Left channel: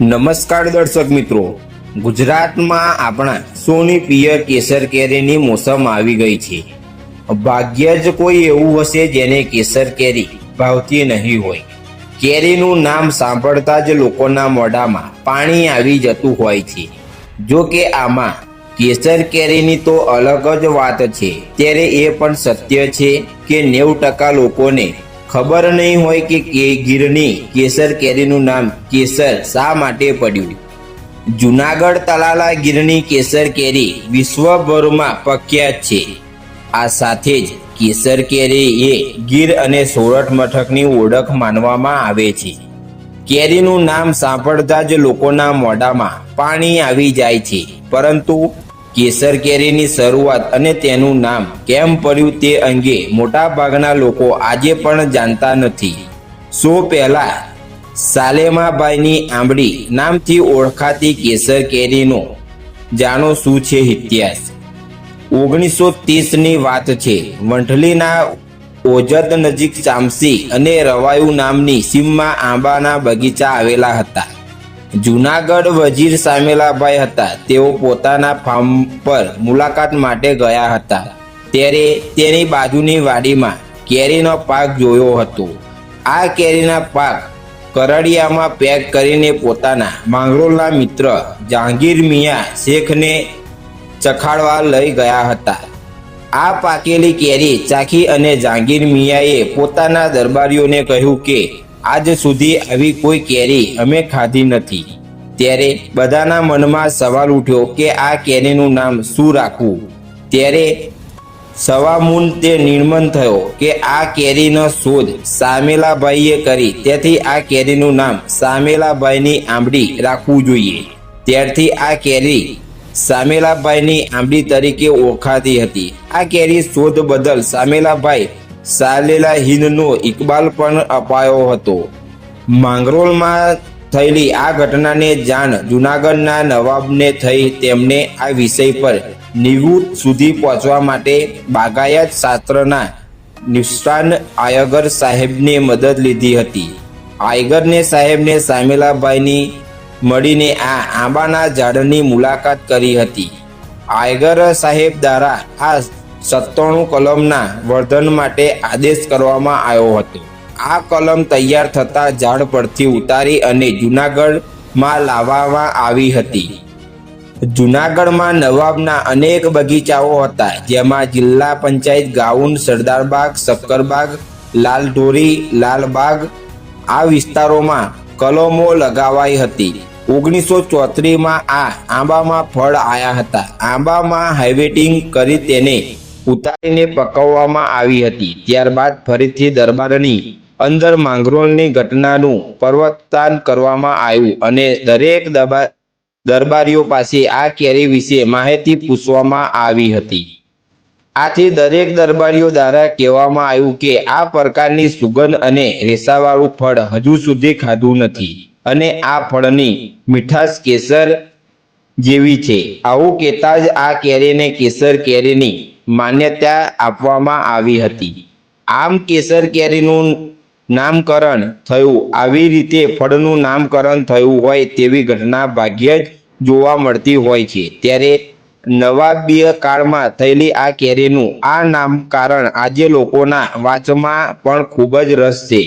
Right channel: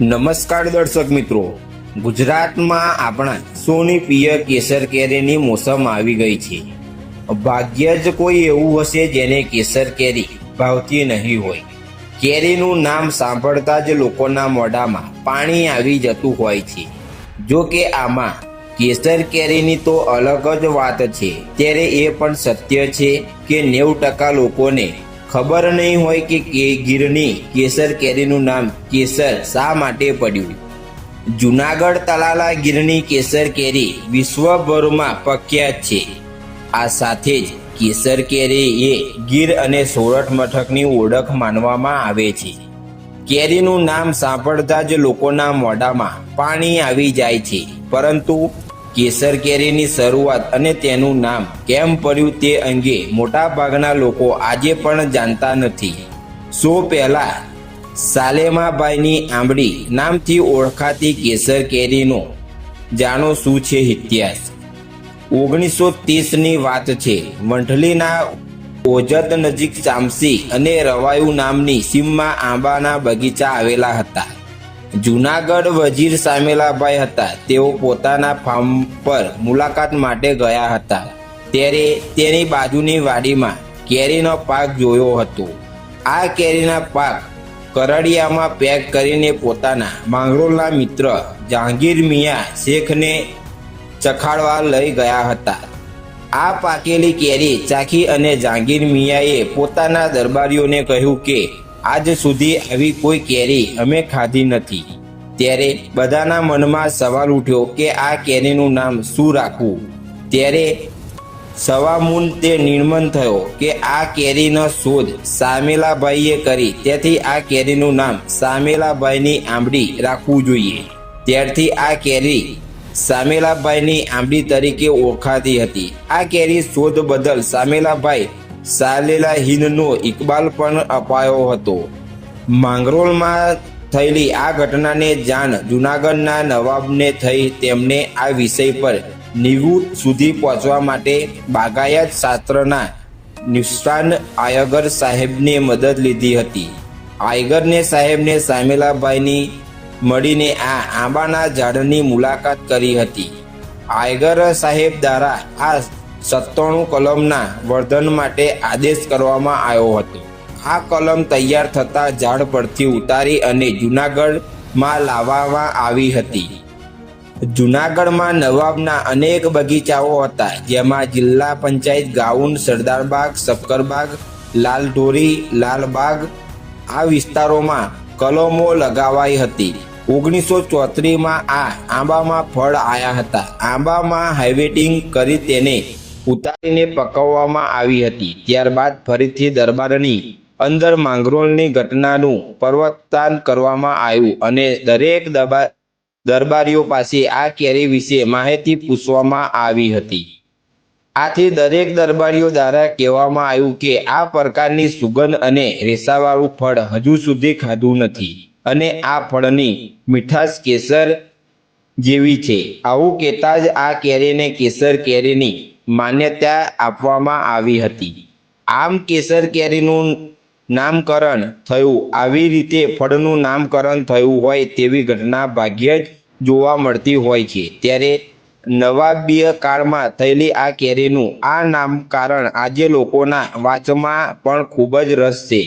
નમસ્કાર દર્શક મિત્રો, ગુજરાતમાં આપણા સોની પિયર કેસર કેરીની મોસમ આવી ગઈ છે। ભાગ્ય જ કોઈ એવું હશે જેને કેસર કેરી ભાવતી નહીં હોય। કેરીનું નામ સાંભળતા જ લોકોના મોઢામાં પાણી આવી જતું હોય છે। જો કે આમાં કેસર કેરીની તો અલગ જ વાત છે, ત્યારે એ પણ સત્ય છે કે 90% લોકોને ખબર નહીં હોય કે ગીરની કેસર કેરીનું નામ કેસર શા માટે પડ્યું। જૂનાગઢ તલાલા ગીરની કેસર કેરી વિશ્વભરમાં પ્રખ્યાત છે। આ સાથે જ કેસર કેરી એ ગીર અને સોરઠ મથકની ઓળખ માનવામાં આવે છે। કેરીનું નામ સાંભળતા જ લોકોના મોઢામાં પાણી આવી જાય છે, પરંતુ કેસર કેરીની શરૂઆત અને તેનું નામ કેમ પડ્યું તે અંગે મોટાભાગના લોકો આજે પણ જાણતા નથી। પહેલા સાલેમાબાઈની આંબળી નામથી ઓળખાતી કેસર કેરીનો જાણો શું છે ઇતિહાસ। 1930ની વાત છે। વંથલીના ઓજત નજીક ચામસી અને રવાયુ નામની સીમમાં આંબાના બગીચા આવેલા હતા। જૂનાગઢ વજીર સામેલાભાઈ હતા, તેઓ પોતાના ફાર્મ પર મુલાકાત માટે ગયા હતા, ત્યારે તેની બાજુની વાડીમાં કેરીનો પાક જોયો હતો। આ કેરીના પાક કરડિયામાં પેક કરીને પોતાના માંગરોળના મિત્ર જહાંગીર મિયા શેખને ચખાડવા લઈ ગયા હતા। આ પાકેલી કેરી ચાખી અને જહાંગીર મિયાએ પોતાના દરબારીઓને કહ્યું કે આજ સુધી આવી કોઈ કેરી અમે ખાધી નથી। ત્યારે બધાના મનમાં સવાલ ઉઠ્યો કે આ કેરીનું નામ શું રાખવું। ત્યારે સવામૂન તે નિર્ણય થયો કે આ કેરીનો શોધ સામેલાભાઈએ કરી, તેથી આ કેરીનું નામ સામેલાભાઈની આંબળી રાખવું જોઈએ। ત્યારથી આ કેરી સામેલાભાઈની આંબળી તરીકે ઓળખાતી હતી। આ કેરી શોધ બદલ સામેલાભાઈ સાલેલા હિંદનો ઇકબાલ પણ અપાયો હતો। માંગરોળમાં થયેલી આ ઘટનાને જાણ જૂનાગઢના નવાબને થઈ। તેમણે આ વિષય પર નિવૃત્ત સુધી પહોંચવા માટે બાગાયત શાસ્ત્રના નિષ્ણાત આયગર સાહેબની મદદ લીધી હતી। આયગરને સાહેબને સામેલાભાઈની મળીને આ આંબાના ઝાડની મુલાકાત કરી હતી। આયગર સાહેબ દ્વારા આ 97 કલમના વર્ધન માટે આદેશ કરવામાં આવ્યો હતો। આ કલમ તૈયાર થતાં ઝાડ પરથી ઉતારી અને જૂનાગઢમાં લાવવામાં આવી હતી। જૂનાગઢમાં નવાબના અનેક બગીચાઓ હતા, જેમાં જિલ્લા પંચાયત ગાઉન, સરદારબાગ, શક્કરબાગ, લાલઢોરી, લાલબાગ આ વિસ્તારોમાં કલમો લગાવાઈ હતી। 1934માં આ આંબામાં ફળ આવ્યા હતા। આંબામાં હાર્વેસ્ટિંગ કરી તેને ઉતારીને પકવવામાં આવી હતી। ત્યારબાદ ફરીથી દરબારની અંદર માંગરોળની ઘટનાનું પર્વતાન કરવામાં આવ્યું અને દરેક દરબારીઓ પાસે આ કેરી વિશે માહિતી પૂછવામાં આવી હતી। આથી દરેક દરબારીઓ દ્વારા કહેવામાં આવ્યું કે આ પ્રકારની સુગંધ અને રેસાવાળું ફળ હજુ સુધી ખાધું નથી અને આ ફળની મીઠાશ કેસર જેવી છે। આવું કહેતા જ આ કેરીને કેસર કેરીની માન્યતા આપવામાં આવી હતી। આમ કેસર કેરીનું નામકરણ થયું। આવી રીતે ફળનું નામકરણ થયું હોય તેવી ઘટના ભાગ્યે જ જોવા મળતી હોય છે। ત્યારે નવાબીય કાળમાં થયેલી આ કેરીનું આ નામકરણ આજે લોકોના વાંચમાં પણ ખૂબ જ રસ છે।